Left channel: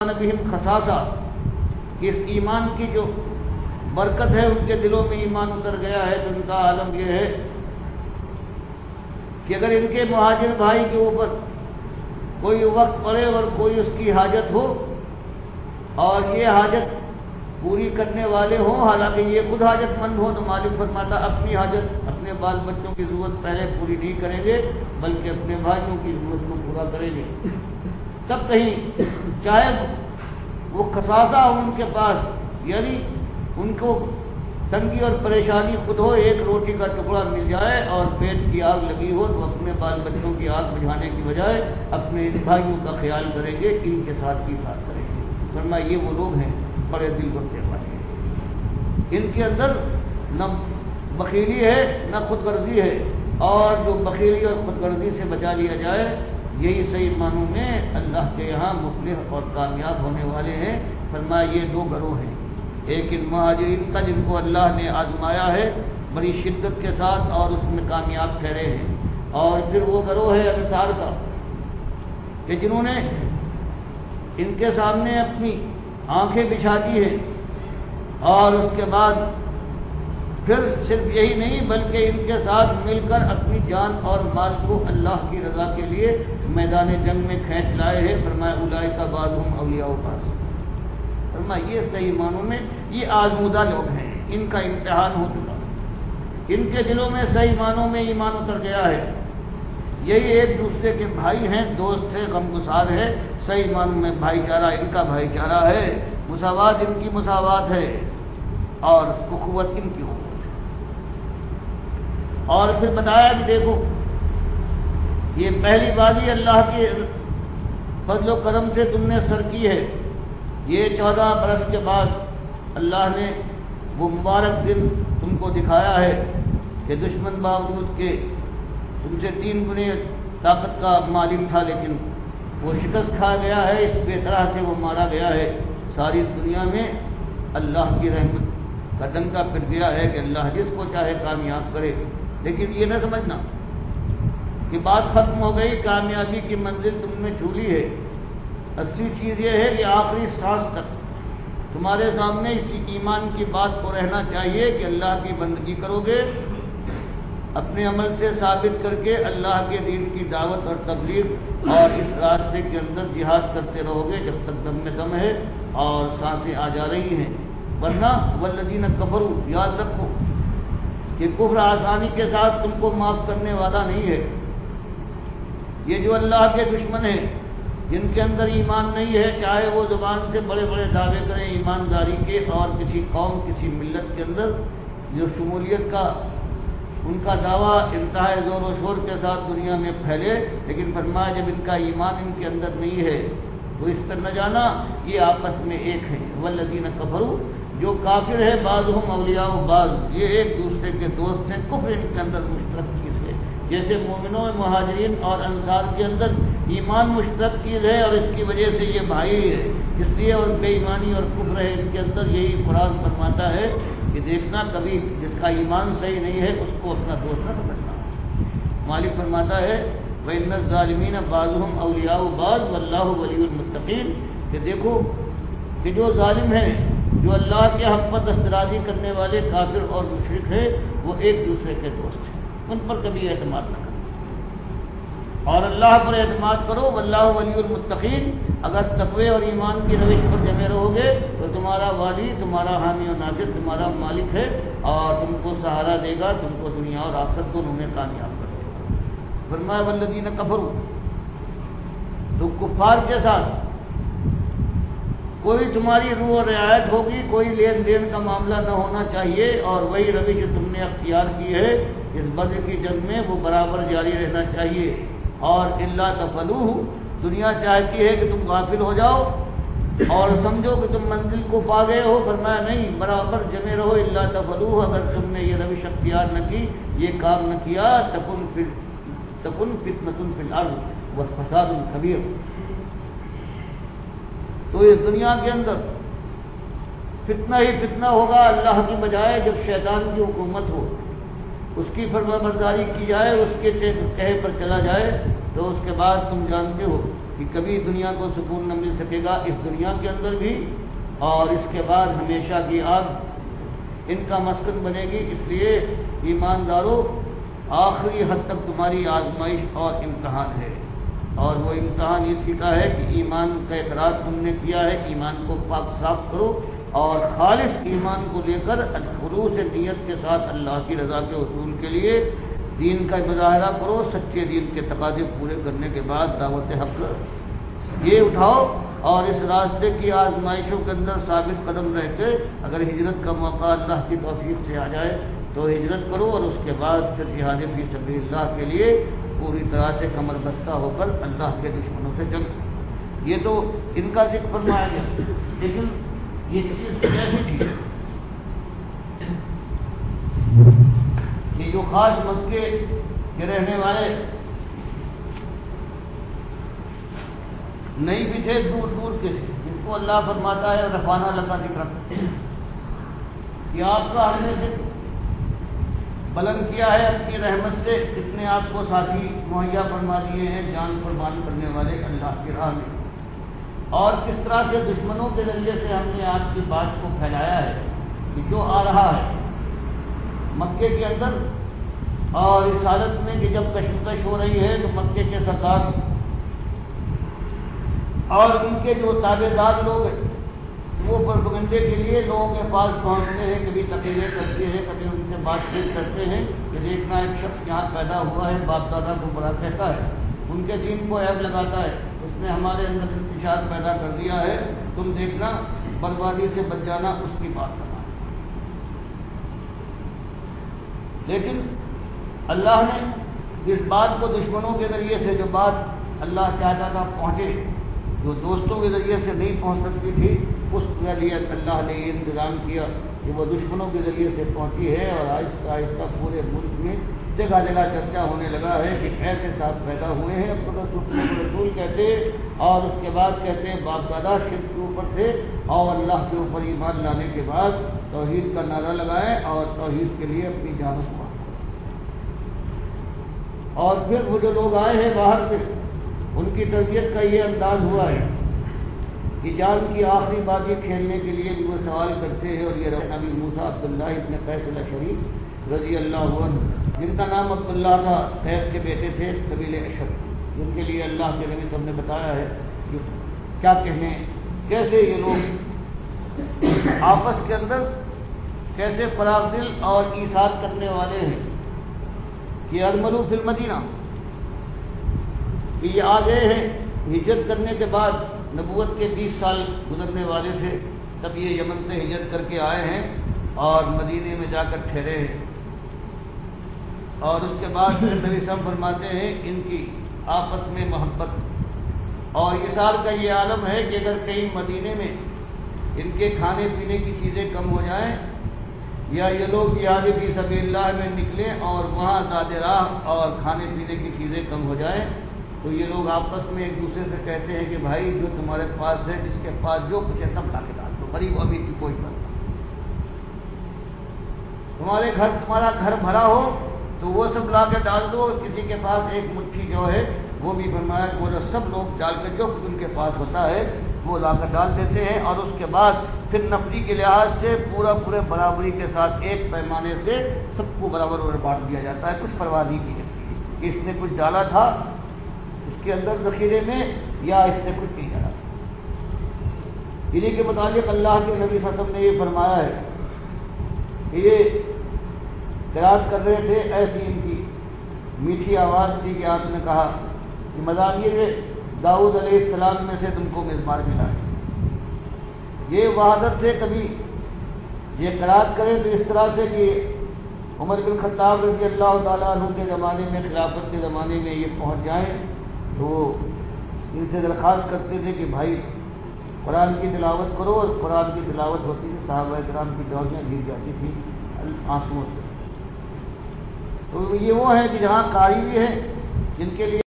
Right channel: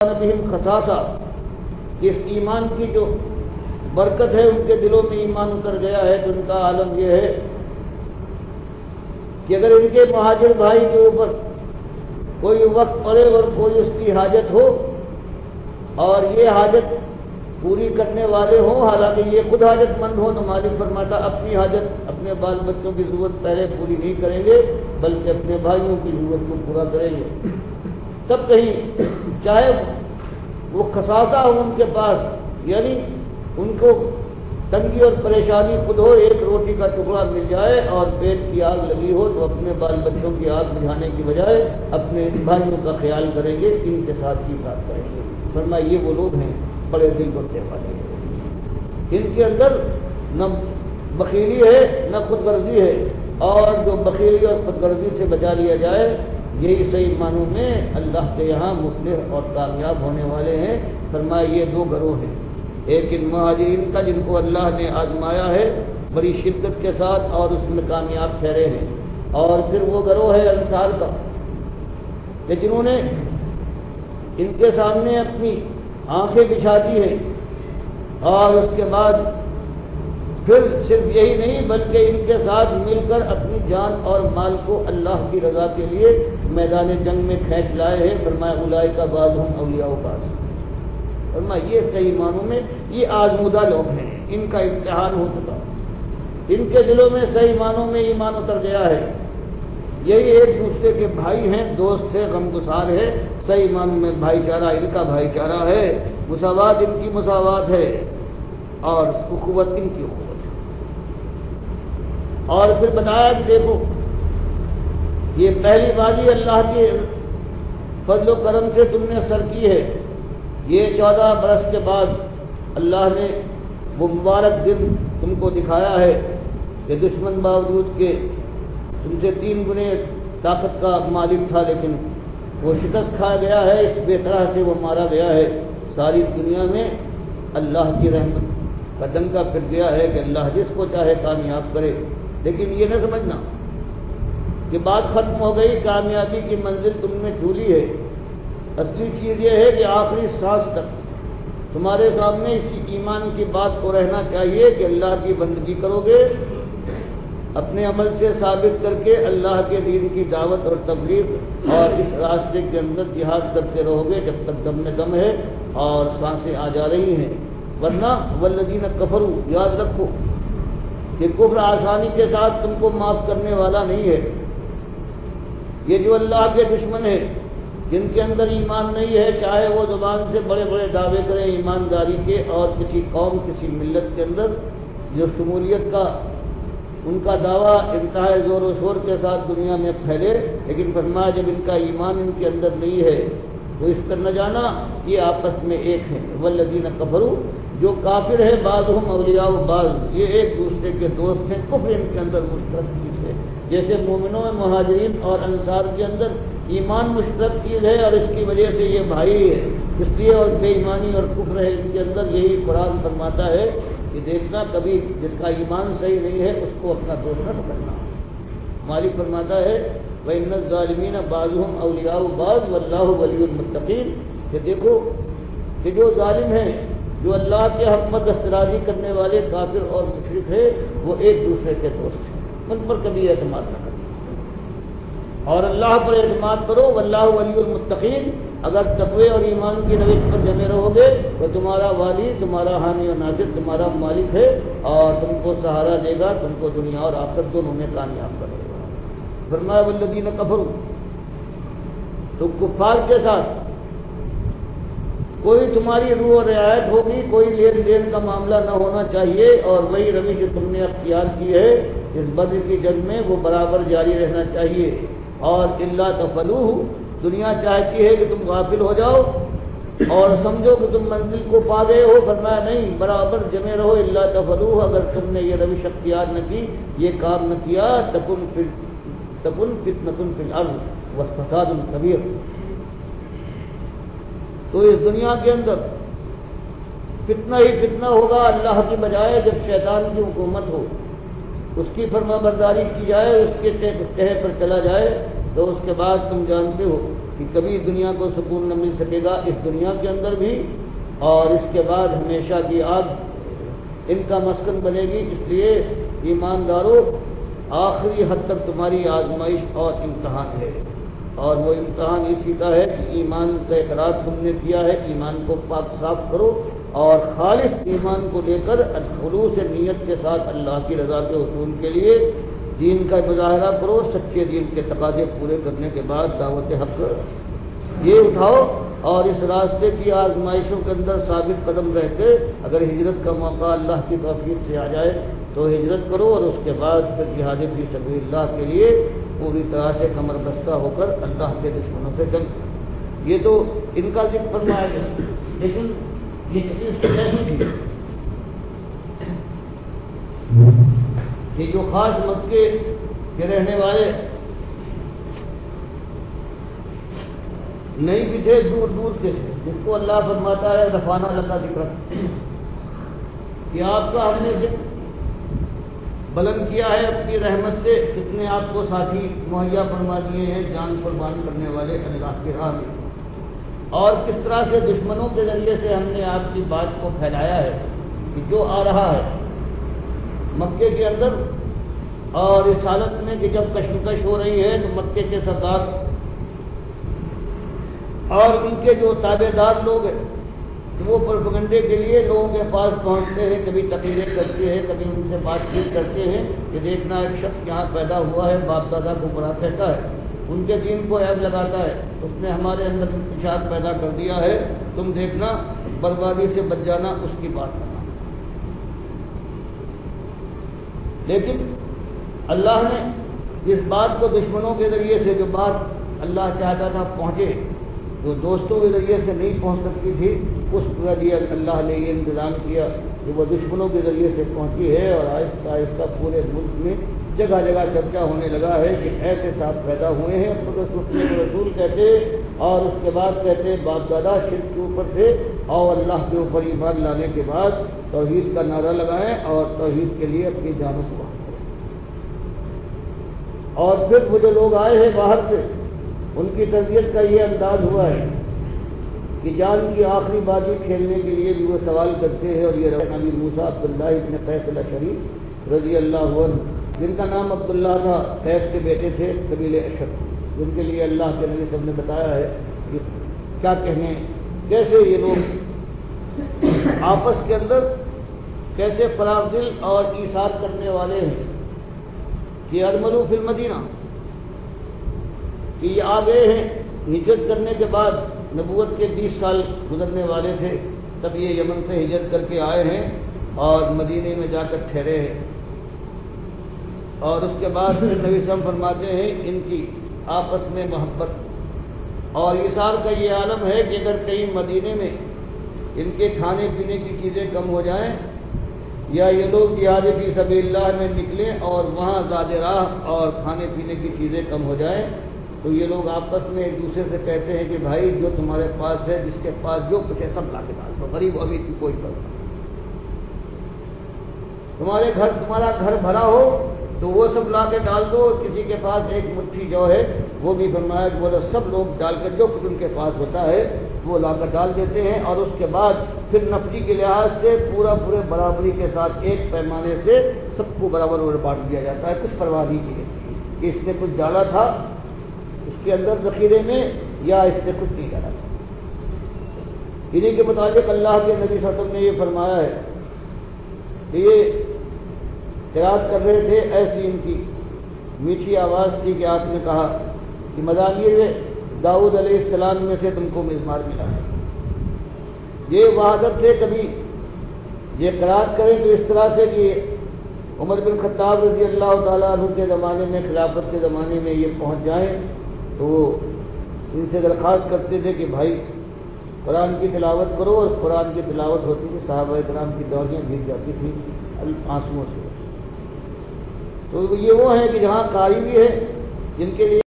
بہم خصاصہ، اس ایمان کی جو برکت ہے ان کے دلوں میں ایمان اتر گیا ہے، تو ان کا عالم یہ ہے کہ اگر ان کے مہاجر بھائی کے اوپر کوئی وقت پڑے اور کوئی اس کی حاجت ہو اور یہ حاجت پوری کرنے والے ہوں، حالانکہ یہ خود حاجت مند ہوں، تو مالک فرماتا اپنی حاجت اپنے بال بچوں کی ضرورت پہلے پوری نہیں کریں گے بلکہ اپنے بھائیوں کی ضرورت کو پورا کریں گے، تب کہیں چاہے وہ خصاصہ ہو ان کے پاس، یعنی ان کو تنگی اور پریشانی خود ہو، ایک روٹی کا ٹکڑا مل جائے اور پیٹ کی آگ لگی ہو تو اپنے بال بچوں کی آگ بجھانے کی بجائے اپنے بھائیوں کا خیال کریں گے، ان کے ساتھ کی ساتھ کریں گے۔ فرمایا یہ وہ لوگ ہیں بڑے دل بڑھنے والے ہیں، ان کے اندر نہ بخیلی ہے نہ خود غرضی ہے، اور جو بخیلی اور خود غرضی سے بچا لیا جائے یہی صحیح معنوں میں اللہ کے یہاں مفلح اور کامیاب ہونے والے ہیں۔ فرمایا یہ دو گروہ ہیں، ایک ان مہاجرین کا جن کو اللہ نے آزمایا ہے بڑی شدت کے ساتھ اور اس میں کامیاب ٹھہرے ہیں، اور پھر وہ گروہ ہے انصار کا کہ جنہوں نے ان کے سامنے اپنی آنکھیں بچھا دی ہے، اور اس کے بعد پھر صرف یہی نہیں بلکہ ان کے ساتھ مل کر اپنی جان اور مال کو اللہ کی رضا کے لیے میدان جنگ میں کھینچ لائے ہیں۔ فرمایا اولئک بعضهم اولیاء بعض، فرمایا یہ صحیح معنوں میں یہ آزمودہ لوگ ہیں، ان کا امتحان ہو چکا، ان کے دلوں میں صحیح معنوں میں ایمان اتر گیا ہے، یہی ایک دوسرے کے بھائی ہیں، دوست ہیں، غمگسار ہے، صحیح معنوں میں بھائی چارہ ان کا بھائی چارہ ہے، مساوات ان کی مساوات ہے، اور اخوت ان کی اخوت ہے۔ اور پھر بتایا کہ دیکھو یہ پہلی بازی اللہ کے فضل و کرم سے تم نے سر کی ہے، یہ 14 برس کے بعد اللہ نے وہ مبارک دن تم کو دکھایا ہے کہ دشمن باوجود کے تم سے 3 گنے طاقت کا مالک تھا لیکن وہ شکست کھا گیا ہے، اس بے طرح سے وہ مارا گیا ہے، ساری دنیا میں اللہ کی رحمت کا ڈنکا پھر گیا ہے کہ اللہ جس کو چاہے کامیاب کرے، لیکن یہ نہ سمجھنا کہ بات ختم ہو گئی، کامیابی کی منزل تم نے جھولی ہے، اصلی چیز یہ ہے کہ آخری سانس تک تمہارے سامنے اسی ایمان کی بات کو رہنا چاہیے کہ اللہ کی بندگی کرو گے، اپنے عمل سے ثابت کر کے اللہ کے دین کی دعوت اور تبلیغ اور اس راستے کے اندر جہاد کرتے رہو گے جب تک دم میں دم ہے اور سانسیں آ جا رہی ہیں، ورنہ والذین کفروا، یاد رکھو کہ کفر آسانی کے ساتھ تم کو معاف کرنے والا نہیں ہے، یہ جو اللہ کے دشمن ہیں جن کے اندر ایمان نہیں ہے، چاہے وہ زبان سے بڑے بڑے دعوے کریں ایمانداری کے، اور کسی قوم کسی ملت کے اندر جو شمولیت کا ان کا دعویٰ انتہائی زور و شور کے ساتھ دنیا میں پھیلے، لیکن فرمایا جب ان کا ایمان ان کے اندر نہیں ہے تو اس پر نہ جانا یہ آپس میں ایک ہیں، والذین کفروا، جو کافر ہے بعضهم اولیاء بعض، یہ ایک دوسرے کے دوست ہیں، کفر ان کے اندر مشترک چیز ہے، جیسے مومنوں میں مہاجرین اور انصار کے اندر ایمان مشترک چیز ہے اور اس کی وجہ سے یہ بھائی ہے، اس لیے اور بے ایمانی اور کفر ہے ان کے اندر، یہی قرآن فرماتا ہے کہ دیکھنا کبھی جس کا ایمان صحیح نہیں ہے اس کو اپنا دوست نہ سمجھنا۔ مالک فرماتا ہے وَإِنَّ الظَّالِمِينَ بَعْضُهُمْ أَوْلِيَاءُ بَعْضٍ وَاللَّهُ وَلِيُّ الْمُتَّقِينَ، کہ دیکھو کہ جو ظالم ہیں، جو اللہ کے حق پر دسترازی کرنے والے کافر اور مشرک ہیں، وہ ایک دوسرے کے دوست ہیں، ان پر کبھی اعتماد نہ کرو اور اللہ پر اعتماد کرو، واللہ ولی المتقین، اگر تقوی اور ایمان کی روش پر جمے رہو گے تو تمہارا والی، تمہارا حامی و ناصر، تمہارا مالک ہے اور تم کو سہارا دے گا، تم کو دنیا اور آخرت دونوں میں کامیاب کر دے گا۔ فرمایا والذین کفروا، تو کفار کے ساتھ کوئی تمہاری روح و رعایت ہوگی، کوئی لین دین کا معاملہ نہ ہونا چاہیے، اور وہی روش جو تم نے اختیار کی ہے اس بدر کی جنگ میں وہ برابر جاری رہنا چاہیے، اور الا تفعلوہ، دنیا چاہتی ہے کہ تم غافل ہو جاؤ اور سمجھو کہ تم منزل کو پا گئے ہو، فرمایا نہیں، برابر جمے رہو، الا تفعلوہ، اگر تم نے یہ روش اختیار نہ کی، یہ کام نہ کیا، تکن فتنۃ فی الارض وفساد کبیر، تو اس دنیا کے اندر فتنہ ہی فتنہ ہوگا اللہ کی بجائے، جب شیطان کی حکومت ہو، اس کی فرما برداری کی جائے، اس کے کہے پر چلا جائے، تو اس کے بعد تم جانتے ہو کہ کبھی دنیا کو سکون نہ مل سکے گا، اس دنیا کے اندر بھی، اور اس کے بعد ہمیشہ کی آگ ان کا مسکن بنے گی۔ اس لیے ایمانداروں، آخری حد تک تمہاری آزمائش اور امتحان ہے، اور وہ امتحان اسی کا ہے کہ ایمان کا اقرار تم نے کیا ہے، ایمان کو پاک صاف کرو اور خالص ایمان کو لے کر خلوص نیت کے ساتھ اللہ کی رضا کے حصول کے لیے دین کا مظاہرہ کرو، سچے دین کے تقاضے پورے کرنے کے بعد دعوت حق یہ اٹھاؤ، اور اس راستے کی آزمائشوں کے اندر ثابت قدم رہ کے اگر ہجرت کا موقع اللہ کی توفیق سے آ جائے تو ہجرت کرو، اور اس کے بعد پھر جہاد فی سبیل اللہ کے لیے پوری طرح سے کمر بستہ ہو کر اللہ کے دشمنوں سے جنگ۔ یہ تو ان کا ذکر فرمایا گیا، لیکن یہ چیز کیسی تھی کہ جو خاص مکے کے رہنے والے نہیں بھی تھے، دور دور کے تھے، جس کو اللہ فرماتا ہے رفعنا لک ذکرک، کہ آپ کا ہم نے ذکر بلند کیا ہے اپنی رحمت سے، اتنے آپ کو ساتھی مہیا فرما دیے ہیں جان قربان کرنے والے اللہ کی راہ میں، اور کس طرح سے دشمنوں کے ذریعے سے ہم نے آپ کی بات کو پھیلایا ہے کہ جو آ رہا ہے مکے کے اندر، اور اس حالت میں کہ جب کشمکش ہو رہی ہے تو مکے کے سردار اور ان کے جو تابع دار لوگ ہیں وہ پروپیگنڈے کے لیے لوگوں کے پاس پہنچتے ہیں، کبھی تقریریں کرتے ہیں، کبھی ان سے بات چیت کرتے ہیں کہ دیکھنا ایک شخص یہاں پیدا ہوا ہے، باپ دادا کو بڑا کہتا ہے، ان کے دین کو عیب لگاتا ہے، اس نے ہمارے اندر انتشار پیدا کر دیا ہے، تم دیکھنا بربادی سے بچ جانا، اس کی بات کرنا۔ لیکن اللہ نے اس بات کو دشمنوں کے ذریعے سے جو بات اللہ چاہتا تھا پہنچے، جو دوستوں کے ذریعے سے نہیں پہنچ سکتی تھی، اس کے لیے اللہ نے یہ انتظام کیا کہ وہ دشمنوں کے ذریعے سے پہنچی ہے، اور آہستہ آہستہ پورے ملک میں جگہ جگہ چرچا ہونے لگا ہے کہ ایسے صاحب پیدا ہوئے ہیں، رسول کہتے، اور اس کے بعد کہتے باپ دادا شرک کے اوپر تھے، اور اللہ کے اوپر ایمان لانے کے بعد توحید کا نعرہ لگائیں اور توحید کے لیے اپنی جان کو، اور پھر وہ جو لوگ آئے ہیں باہر سے، ان کی تربیت کا یہ انداز ہوا ہے کہ جان کی آخری بازی کھیلنے کے لیے بھی وہ سوال کرتے ہیں، اور یہ نبی موسیٰ عبداللہ ابن قیس الاشعری رضی اللہ عنہ، جن کا نام عبداللہ تھا، قیس کے بیٹے تھے، قبیلہ اشعر، جن کے لیے اللہ کے نبی صاحب نے بتایا ہے کہ کیا کہنے، کیسے یہ لوگ آپس کے اندر کیسے فراغ دل اور ایثار کرنے والے ہیں کہ الملو فی المدینہ، کہ یہ آ گئے ہیں ہجرت کرنے کے بعد، نبوت کے 20 سال گزرنے والے تھے، تب یہ یمن سے ہجرت کر کے آئے ہیں اور مدینے میں جا کر ٹھہرے ہیں، اور اس کے بعد پھر نبی صاحب فرماتے ہیں ان کی آپس میں محبت اور ایثار کا یہ عالم ہے کہ اگر کہیں مدینے میں ان کے کھانے پینے کی چیزیں کم ہو جائیں، یا یہ لوگ جہاد فی سبیل اللہ میں نکلیں اور وہاں زاد راہ اور کھانے پینے کی چیزیں کم ہو جائیں، تو یہ لوگ آپس میں ایک دوسرے سے کہتے ہیں کہ بھائی جو تمہارے پاس ہے، جس کے پاس جو کچھ ہے سب لا کے ڈال دو، غریب امیر کی کوئی کرو، تمہارا گھر بھرا ہو تو وہ سب لا کے ڈال دو، اور کسی کے پاس ایک مٹھی جو ہے وہ بھی فرمایا کہ وہ سب لوگ ڈال کر جو کچھ ان کے پاس ہوتا ہے وہ لا کر ڈال دیتے ہیں، اور اس کے بعد پھر نفری کے لحاظ سے پورے برابری کے ساتھ ایک پیمانے سے سب کو برابر بانٹ دیا جاتا ہے، کچھ پرواہ نہیں کی جاتی کہ اس نے کچھ ڈالا تھا اس کے اندر ذخیرے میں یا اس سے کچھ نہیں ڈالا تھا۔ انہیں کے مطابق اللہ کے نبی صلی اللہ علیہ وسلم نے یہ فرمایا ہے کہ یہ قرات کر رہے تھے، ایسی ان کی میٹھی آواز تھی کہ آپ نے کہا کہ مزامیر داؤد علیہ السلام میں سے تم کو مزمار ملا، یہ وحدت سے کبھی یہ قرات کریں تو اس طرح سے کہ عمر بن خطاب رضی اللہ تعالیٰ عنہ کے زمانے میں، خلافت کے زمانے میں یہ پہنچ جائیں تو ان سے درخواست کرتے تھے کہ بھائی قرآن کی تلاوت کرو، اور قرآن کی تلاوت ہوتی تھی صحابہ کرام کی دوڑیاں گر جاتی تھیں آنسوؤں سے۔ تو یہ وہ ہے کہ جہاں قاری بھی ہے جن کے لیے